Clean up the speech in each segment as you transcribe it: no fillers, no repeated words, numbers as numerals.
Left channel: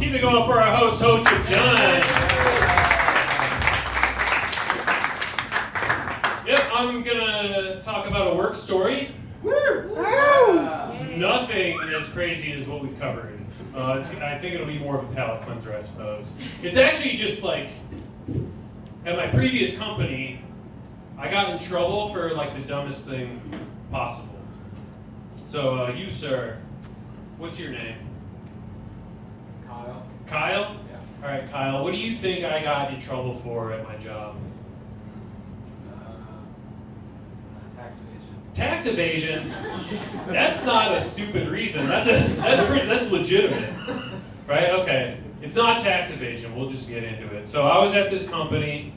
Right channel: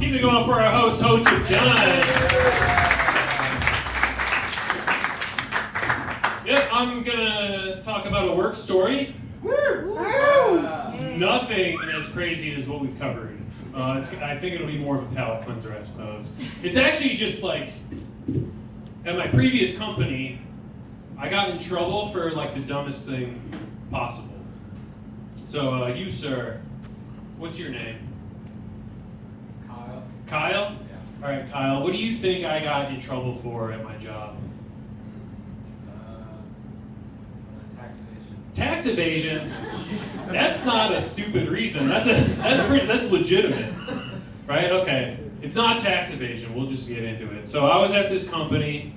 Keep it going for our host, Ho-Chip John. Yep, I'm gonna talk about a work story. Nothing as crazy as what we've covered. I think it'll be more of a palate cleanser, I suppose. It's actually just like, at my previous company, I got in trouble for like the dumbest thing possible. So you, sir, what's your name? Kyle. Kyle? Yeah. All right, Kyle, what do you think I got in trouble for at my job? Tax evasion. Tax evasion? That's not a stupid reason. That's legitimate, right? Okay, it's not tax evasion. We'll just get into it. So I was at this company.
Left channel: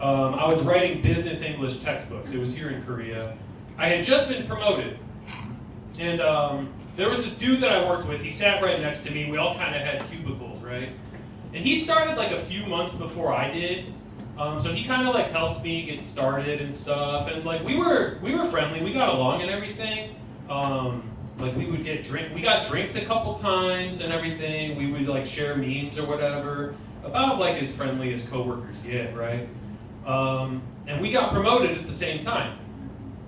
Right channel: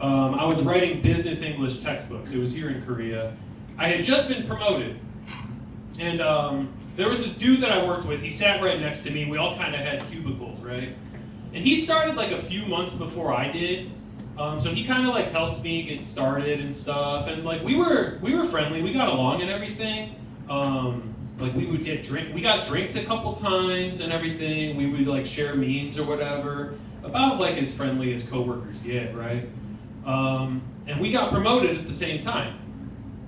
I was writing business English textbooks. It was here in Korea. I had just been promoted, and there was this dude that I worked with. He sat right next to me. We all kind of had cubicles, right? And he started like a few months before I did. So he kind of like helped me get started and stuff, and like we were friendly, we got along and everything. Like we would we got drinks a couple times and everything. We would like share memes or whatever, about like as friendly as coworkers get, right? And we got promoted at the same time,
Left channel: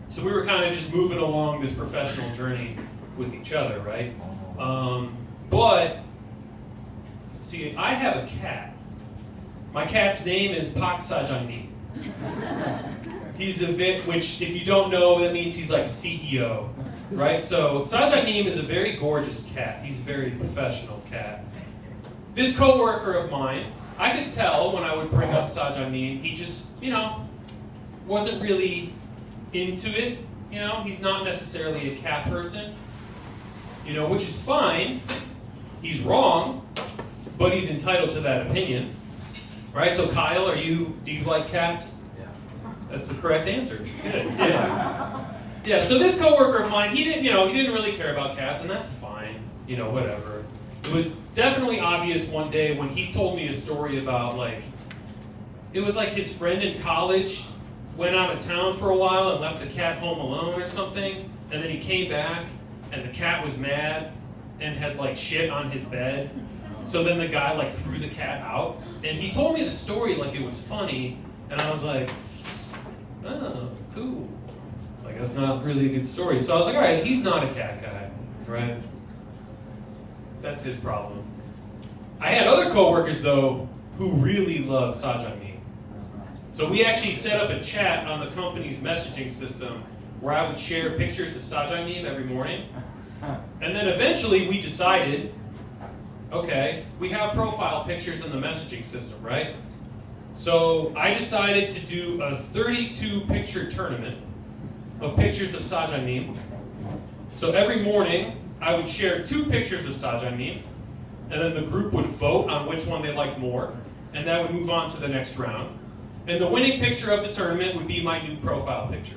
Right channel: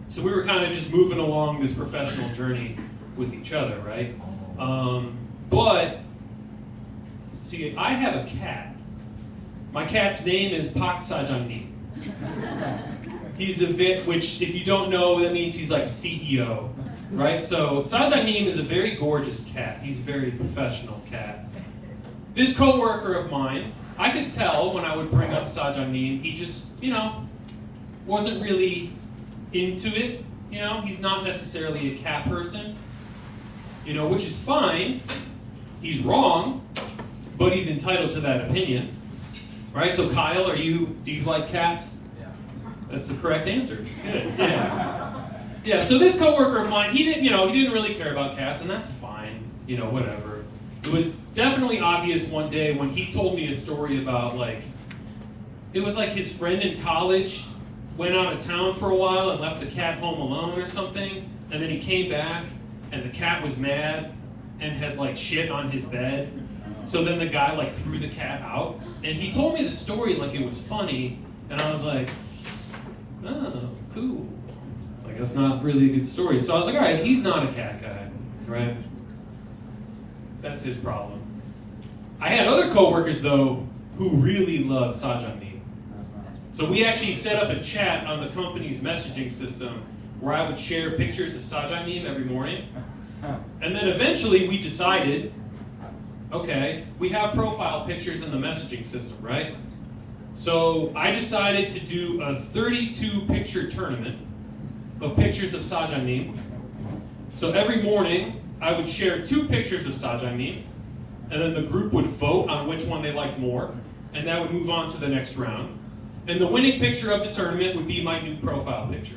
so we were kind of just moving along this professional journey with each other, right? But see, I have a cat. My cat's name is Pak Sajangni. He's which if you don't know, that means he's like a CEO, right? So Sajangnim is a very gorgeous cat. He's a very professional cat. This coworker of mine, I could tell when I would bring up Sajangnim, he just, wasn't really into it. He's not necessarily a cat person, which is fine. He's wrong, but he's entitled to that opinion. Right, so Kyle, do you like cats? Yeah. That's the correct answer. Good, yeah. Yeah, so this coworker of mine, he didn't really care about cats, and that's fine, whatever. It was definitely obvious one day when he told me a story about it was like his friend in college went out of town for a while and left the cat home alone or something, and then he came back, and the cat was mad and had shit on his bed. So then the guy threw the cat out, and he told me the story like it was funny, and I was like, oh, cool. That's not really a good story. So I was like, all right, he's not a cat guy, right? That's his problem. I had other coworkers though who really love Sajangnim. So we actually set up a chat on the company's messaging system where I would share pictures of Sajangnim every morning, and then eventually we decided, okay, we have profile pictures in the messaging system, right? So I decided to do a 32 picture tournament of pictures of Sajangnim. So every morning I would share 2 pictures of Sajangnim, and then the group would vote on which one they liked more, and that would move on to the next round. And the winning picture of the tournament would be my new profile picture.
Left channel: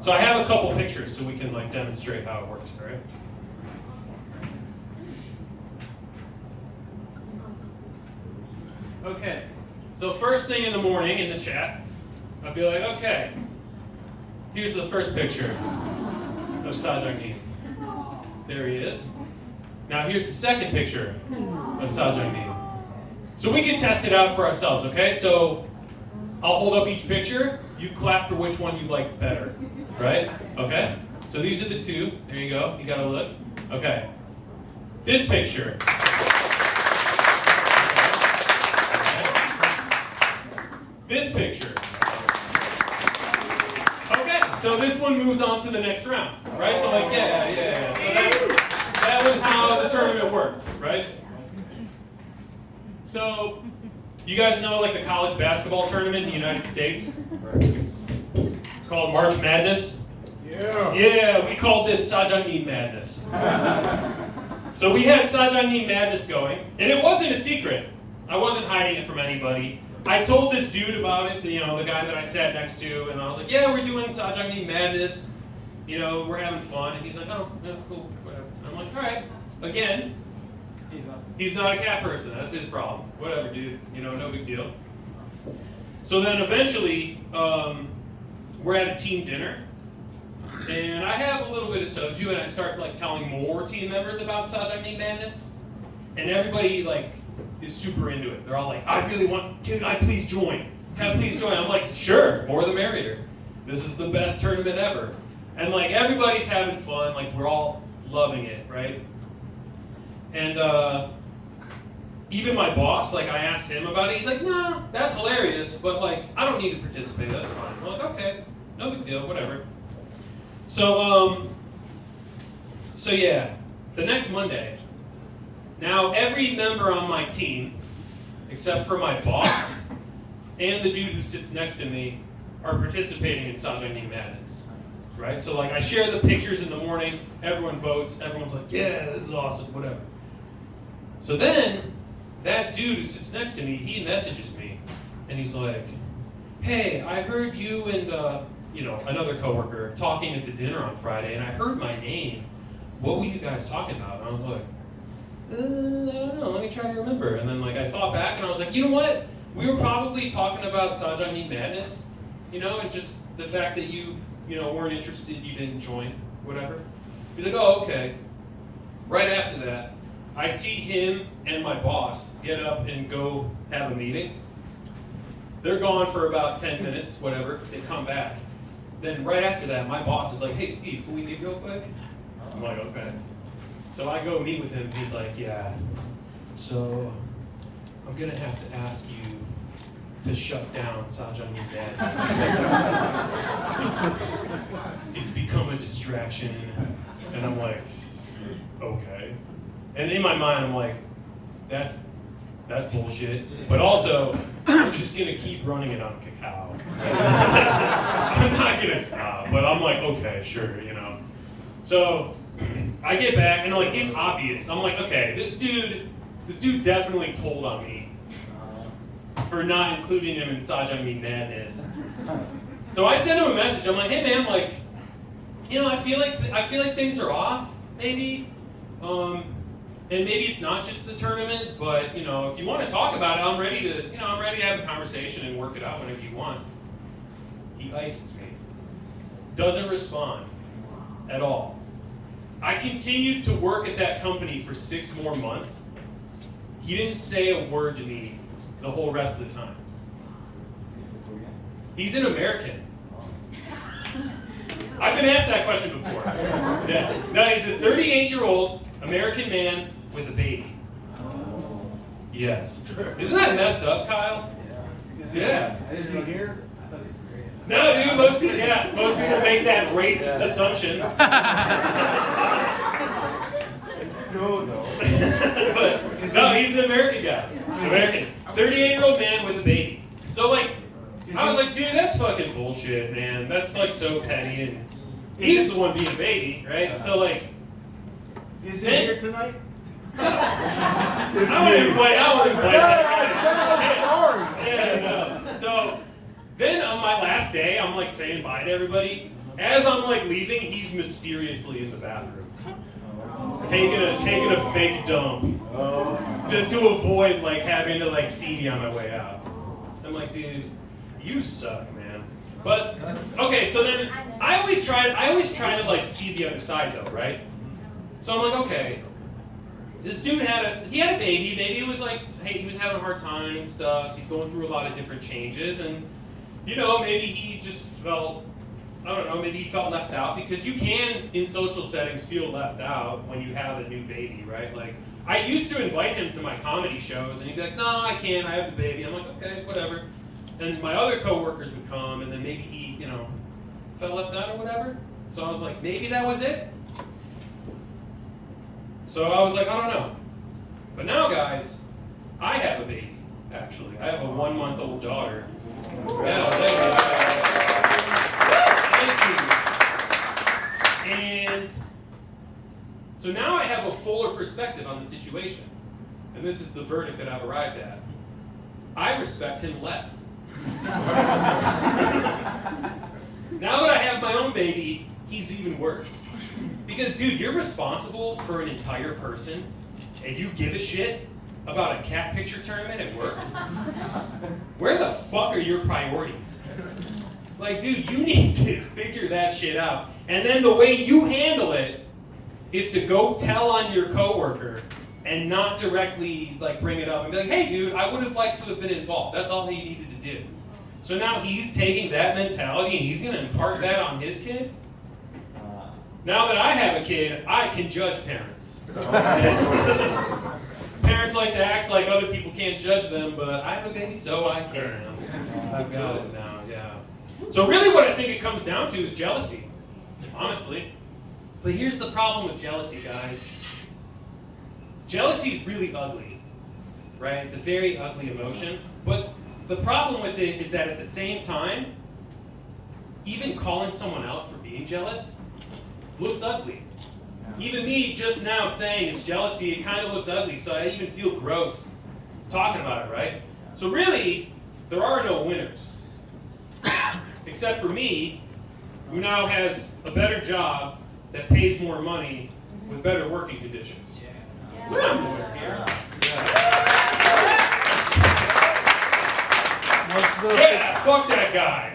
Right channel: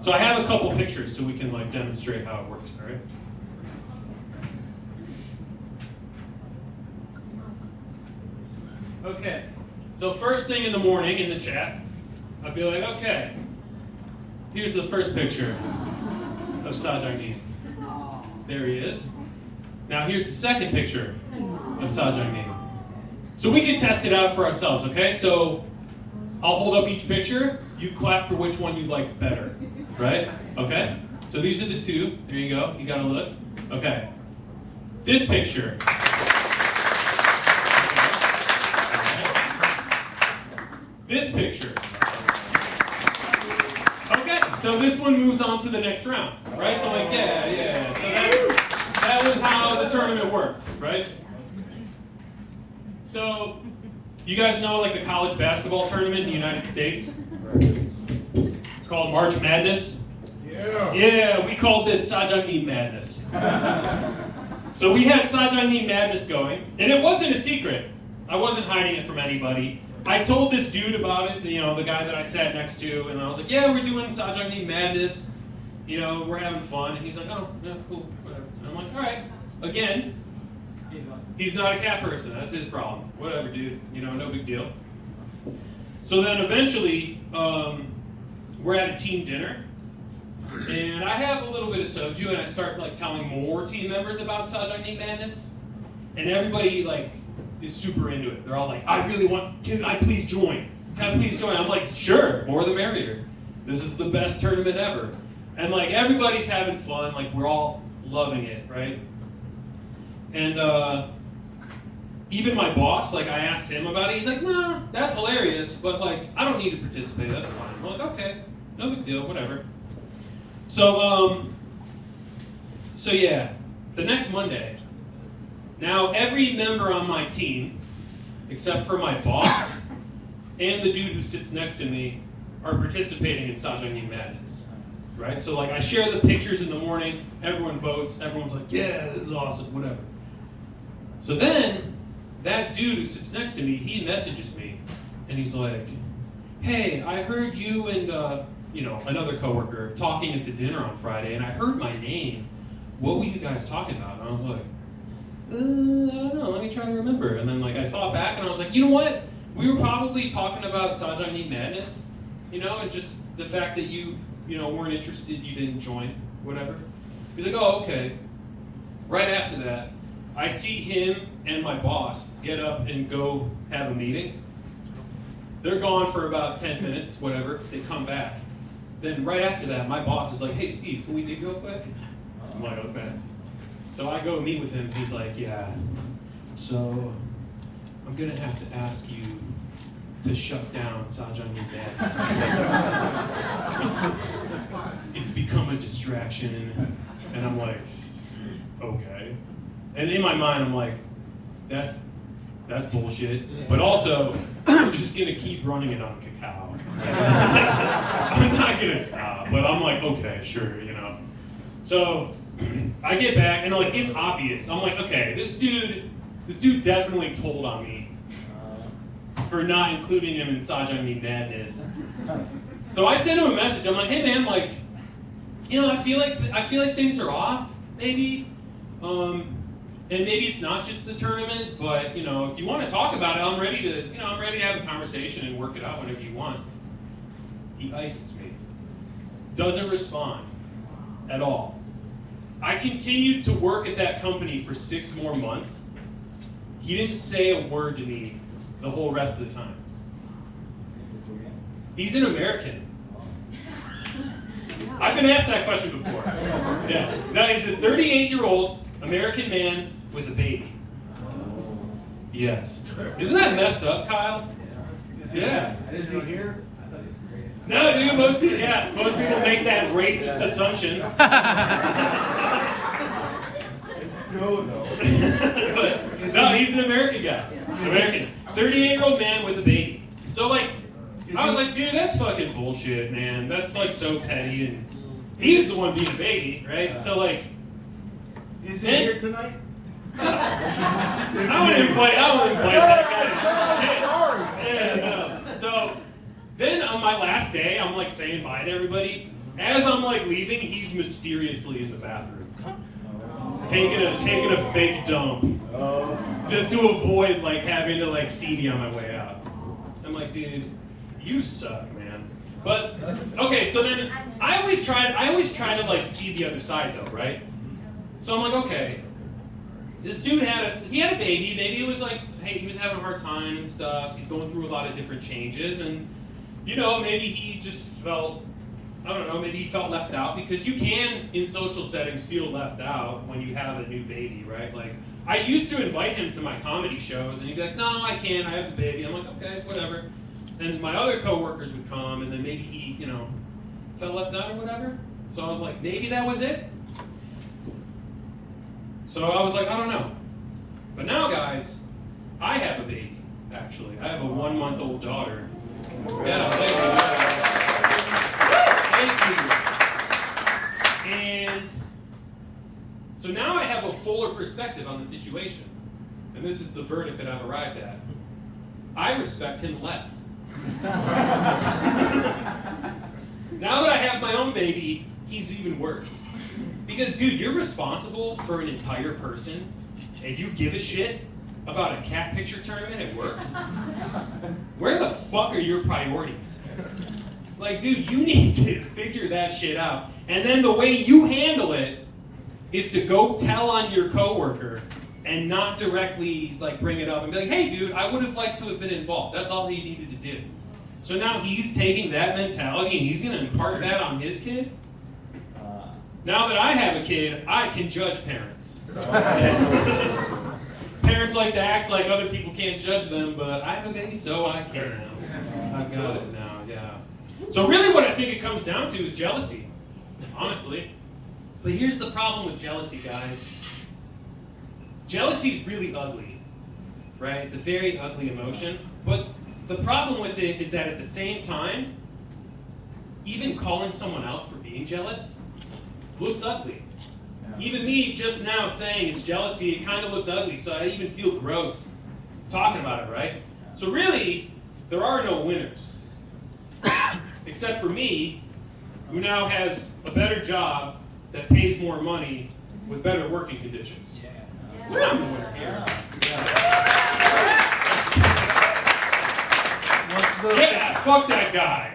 So I have a couple pictures so we can demonstrate how it works, all right? Okay, so first thing in the morning in the chat, I'd be like, okay, here's the first picture of Sajangnim. There he is. Now here's the second picture of Sajangnim. So we can test it out for ourselves, okay? So I'll hold up each picture, you clap for which one you like better, right? Okay? So these are the 2. There you go, you gotta look. Okay. This picture. This picture. Okay, so this one moves on to the next round, right? So yeah. So that was how the tournament worked, right? So you guys know the college basketball tournament in the United States? It's called March Madness. Yeah, we called this Sajangnim Madness. So we had Sajangnim Madness going, and it wasn't a secret. I wasn't hiding it from anybody. I told this dude about it, the guy that I sat next to, and I was like, yeah, we're doing Sajangnim Madness, we're having fun. And he's like, oh, yeah, cool, whatever. And I'm like, all right. Again, he's not a cat person. That's his problem. Whatever, dude. No big deal. So then eventually, we're at a team dinner, and I have a little bit of soju, and I start telling more team members about Sajangnim Madness, and everybody is super into it. They're all like, can I please join? Can I please join? I'm like, sure, more the merrier. This is the best tournament ever. And like everybody's having fun, like we're all loving it, right? And even my boss, like I asked him about it, he's like, nah, that's hilarious, but like I don't need to participate, that's fine. I'm like, okay, no big deal, whatever. So yeah, the next Monday, now every member on my team, except for my boss and the dude who sits next to me, are participating in Sajangni Madness, right? So like I share the pictures in the morning, everyone votes, everyone's like, yeah, this is awesome, whatever. So then, that dude who sits next to me, he messages me, and he's like, hey, I heard you and another coworker talking at the dinner on Friday, and I heard my name. What were you guys talking about? And I was like, I don't know, let me try to remember. And then like I thought back, and I was like, you know what? We were probably talking about Sajangni Madness, and just the fact that you weren't interested, you didn't join, whatever. He's like, oh, okay. Right after that, I see him and my boss get up and go have a meeting. They're gone for about 10 minutes, whatever. They come back. Then right after that, my boss is like, hey, Steve, can we meet real quick? I'm like, okay. So I go meet with him. He's like, yeah. So I'm going to have to ask you to shut down Sajangni Madness. It's become a distraction. And I'm like, okay. And in my mind, I'm like, that's bullshit. But also, I'm just gonna keep running it on cacao. I'm not gonna stop. But I'm like, okay, sure, So I get back and like it's obvious. I'm like, okay, this dude definitely told on me for not including him in Sajangni Madness. So I sent him a message. I'm like, hey man, like, I feel like things are off, maybe. And maybe it's not just the tournament, but if you want to talk about it, I'm ready to have a conversation and work it out whenever you want. He ices me. Doesn't respond at all. I continued to work at that company for 6 more months. He didn't say a word to me the whole rest of the time. He's an American. I've been asked that question before. Yeah. Now he's a 38-year-old American man with a baby. Yes. Isn't that messed up, Kyle? Yeah. No, dude, most people make that racist assumption. But, no, he's an American guy. American. 38-year-old man with a baby. So, like, I was like, dude, that's fucking bullshit, man. That's, like, so petty. And he's the one being a baby, right? So, like... Is he here tonight? No. I wouldn't invite that kind of shit. Yeah, no. So, then on my last day, I'm, like, saying bye to everybody. As I'm, like, leaving, he's mysteriously in the bathroom. Taking a fake dump. Just to avoid, like, having to, like, CD on my way out. I'm like, dude, you suck, man. But, okay, so then, I always try to, like, see the other side, though, right? So I'm like, okay, this dude had a baby. Maybe it was like, hey, he was having a hard time and stuff. He's going through a lot of different changes, and maybe he just felt, I don't know, maybe he felt left out, because you can in social settings feel left out when you have a new baby, right? Like I used to invite him to my comedy shows, and he'd be like, no, I can't. I have the baby. I'm like, okay, whatever. And my other coworkers would come, and then maybe he, felt left out or whatever. So I was like, maybe that was it. So I was like, I don't know. But now, guys, I have a baby, actually. I have a 1-month-old daughter. Yeah, thank you. And so now I have a fuller perspective on the situation. And this is the verdict that I've arrived at. I respect him less. Now that I have my own baby, he's even worse. Because, dude, you're responsible for an entire person, and you give a shit about a cat picture tournament at work? Where the fuck are your priorities? Like, dude, you need to figure that shit out. And then the way you handle it is to go tell on your coworker and not directly like bring it up and be like, hey dude, I would have liked to have been involved. That's all he needed to do. So now he's taking that mentality and he's going to impart that on his kid. Now that I have a kid, I can judge parents. Parents like to act like other people can't judge them, but I have a baby, so I can. I've got it now, yeah. So really what I think it comes down to is jealousy, honestly. But here's the problem with jealousy, guys. Jealousy is really ugly, right? It's a very ugly emotion. But the problem with it is that at the same time, even calling someone out for being jealous looks ugly. Even me just now saying it's jealousy, it kind of looks ugly, so I even feel gross talking about it, right? So really, there are no winners. Except for me, who now has a better job that pays more money with better working conditions. So I'm the winner here. Yeah, fuck that guy.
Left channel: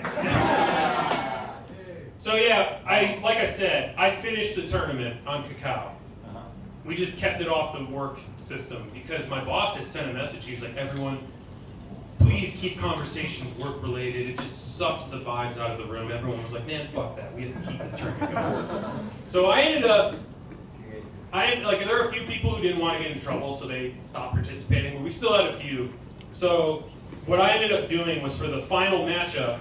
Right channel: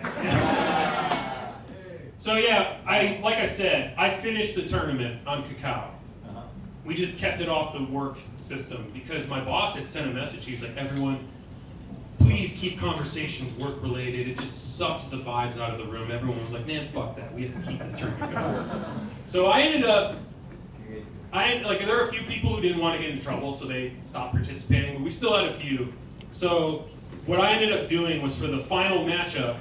So yeah, like I said, I finished the tournament on cacao. We just kept it off the work system because my boss had sent a message. He was like, everyone, please keep conversations work related. It just sucked the vibes out of the room. Everyone was like, man, fuck that. We have to keep this tournament going. So I ended up, there were a few people who didn't want to get in trouble, so they stopped participating, but we still had a few. So what I ended up doing was for the final matchup,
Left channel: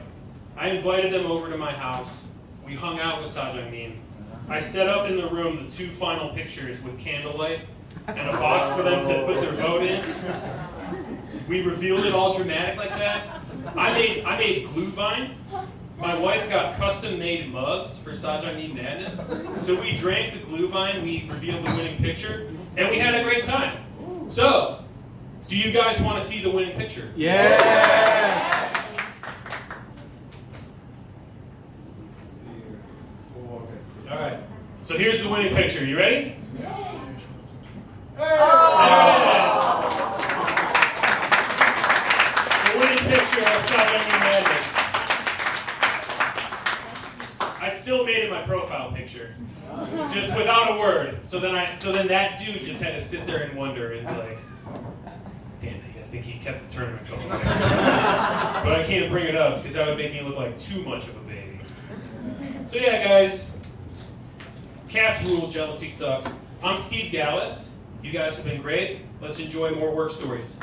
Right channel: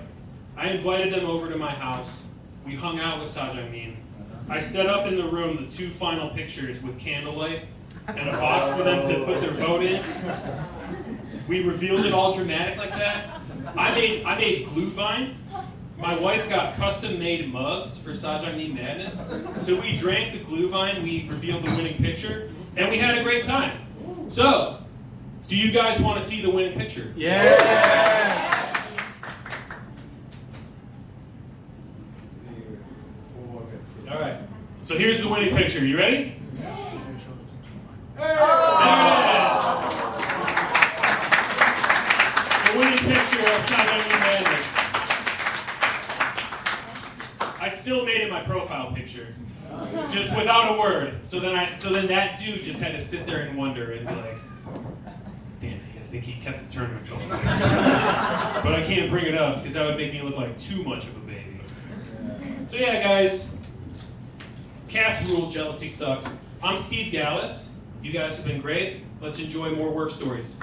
I invited them over to my house. We hung out with Sajangmin. I set up in the room the 2 final pictures with candlelight and a box for them to put their vote in. We revealed it all dramatic like that. I made glue vine. My wife got custom-made mugs for Sajangmin Madness. So we drank the glue vine, we revealed the winning picture, and we had a great time. So, do you guys want to see the winning picture? Yeah! All right. So here's the winning picture. You ready? There it is. The winning picture of Sajangmin Madness. I still made it my profile picture, just without a word. So then that dude just had to sit there and wonder and be like, damn it, I think he kept the tournament going. But I can't bring it up because that would make me look like too much of a baby. So yeah, guys, cats rule, jealousy sucks. I'm Steve Gallus. You guys have been great. Let's enjoy more work stories.